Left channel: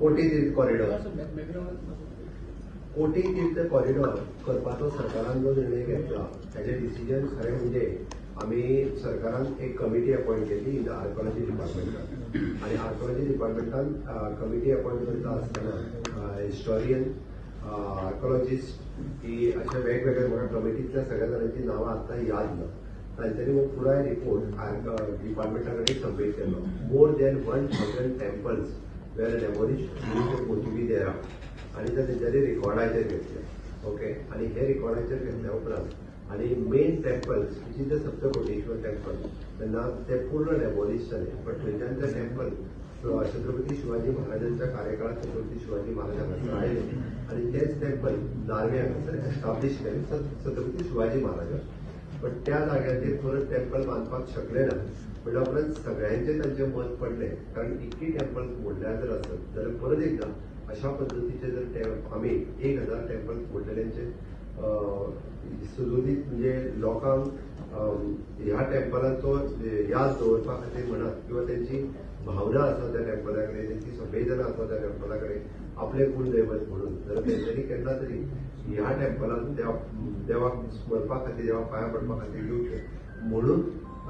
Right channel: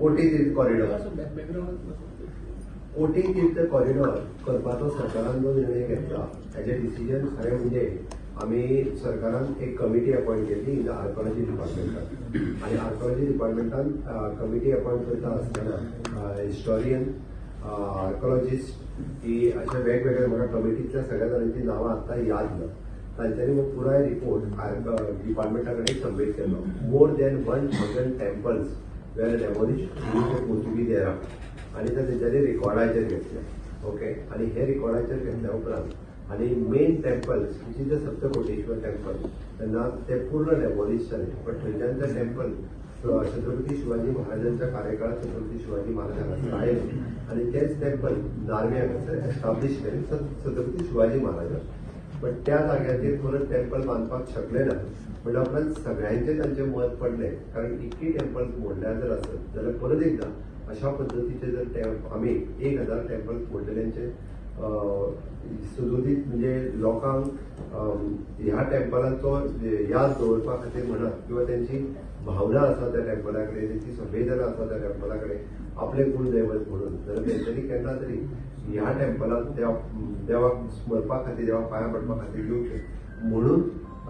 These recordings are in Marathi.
कोटी तीर्थ कॉरिडॉर कोटी तीर्थ कॉरिडॉर करपाचो सरकारान जो निर्णय घेतला ताचे डिसिजन खरें म्हणजे आम्ही सरकारान एक कमिटी अपॉइंट केली इन आर्कोलॉजी डिपार्टमेंटान आणि आर्कोलॉजी डिपार्टमेंटान कमिटी अपॉइंट करता आसतना हिस्टॉरियन आर्कोलॉजिस्ट ही अशा वेगवेगळ्या म्हाका कमिटीतल्या सगळ्या जाणांची नावां आतां याद ना तांच्यांनी वो पुराय रिपोर्ट डिपार्टमेंटा कडेन सबमीट केलो. More than 1000 temples were demolished due to Portuguese era आणि ते तेंच्यांनी रिकॉर्डाचेर घेतले. ओके आणि हे रिकॉर्डाचेर घेतल्या उपरांत आणि main temples which is the Saptakoteshwar temple तेन्ना ते पूर्ण डेमोलिश जाले. पण थंयच्यान ते टेम्पल छत्रपती शिवाजी महाराजांच्या कार्यकाळात छत्रपती शिवाजी महाराजांना राहिले आणि तेच टेम्पल नार्वेंत एस्टाब्लिश केले छत्रपती शिवाजी महाराजांनी. पण त्या जाग्याचेर परत टेम्पल बांदपाक शकले ना म्हणजे उपरांत सगळ्यांचे तांचे मत पडले कारण इतकी टेम्पल मोडल्यार जर आसत जाल्यार परत एकदा अशा पद्दतीचे जर आमी 1000 टेम्पल मोडलेल्यांचे सुदुरीत म्हणजे लोकांक ह्या टेम्पलांचो याद दवरपा खातीर म्हणत किंवा त्यांची भावना आसा त्या टेम्पला कडेन त्यांची संवेदना आसा त्या टेम्पला कडेन आपले कुलदैवत म्हणून जाल्यार तेंच्यांनी केन्ना तरी ह्या टेम्पलाक देवाक स्मरपा खातीर देवाक पांयां पडपा खातीर येवचें म्हणून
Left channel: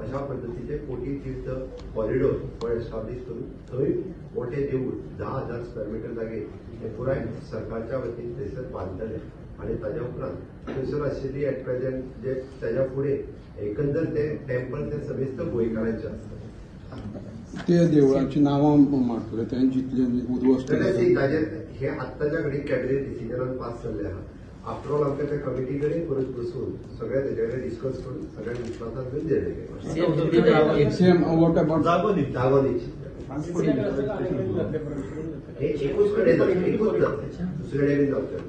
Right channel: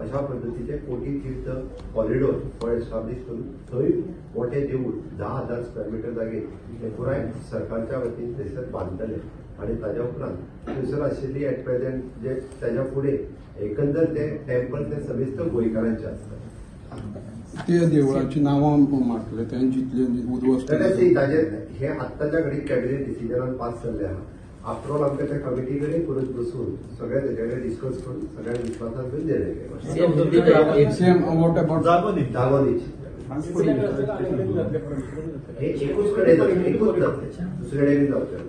अशा पद्दतीचे कोटी तीर्थ कॉरिडॉर हो एस्टाब्लिश करून थंय मोठे देऊळ 10,000 स्क्वेअर मीटर जागे हे पुराय सरकारच्या वतीन थंयसर बांदतले आणि ताज्या उपरांत थंयसर आशिल्ली एट प्रेझेंट जे ताज्या फुडें एकंदर ते टेम्पल ते सविस्तर गोंयकारांचे आसतात. त्या देवळाची नांवां मारतले ताजेर हे आत्ताच्या घडीक कॅबिनेट डिसिजनान पास जाल्ले आहा. आफ्टर ऑल आमकां त्या कमिटी कडेन परत बसून सगळ्या तेजे कडेन डिस्कस करून सगळ्यांक विश्वासान घेवन निर्णय घेतला. दागोनीची हे एकूच कडेन एकूच ना दुसरे कडेन जावचें.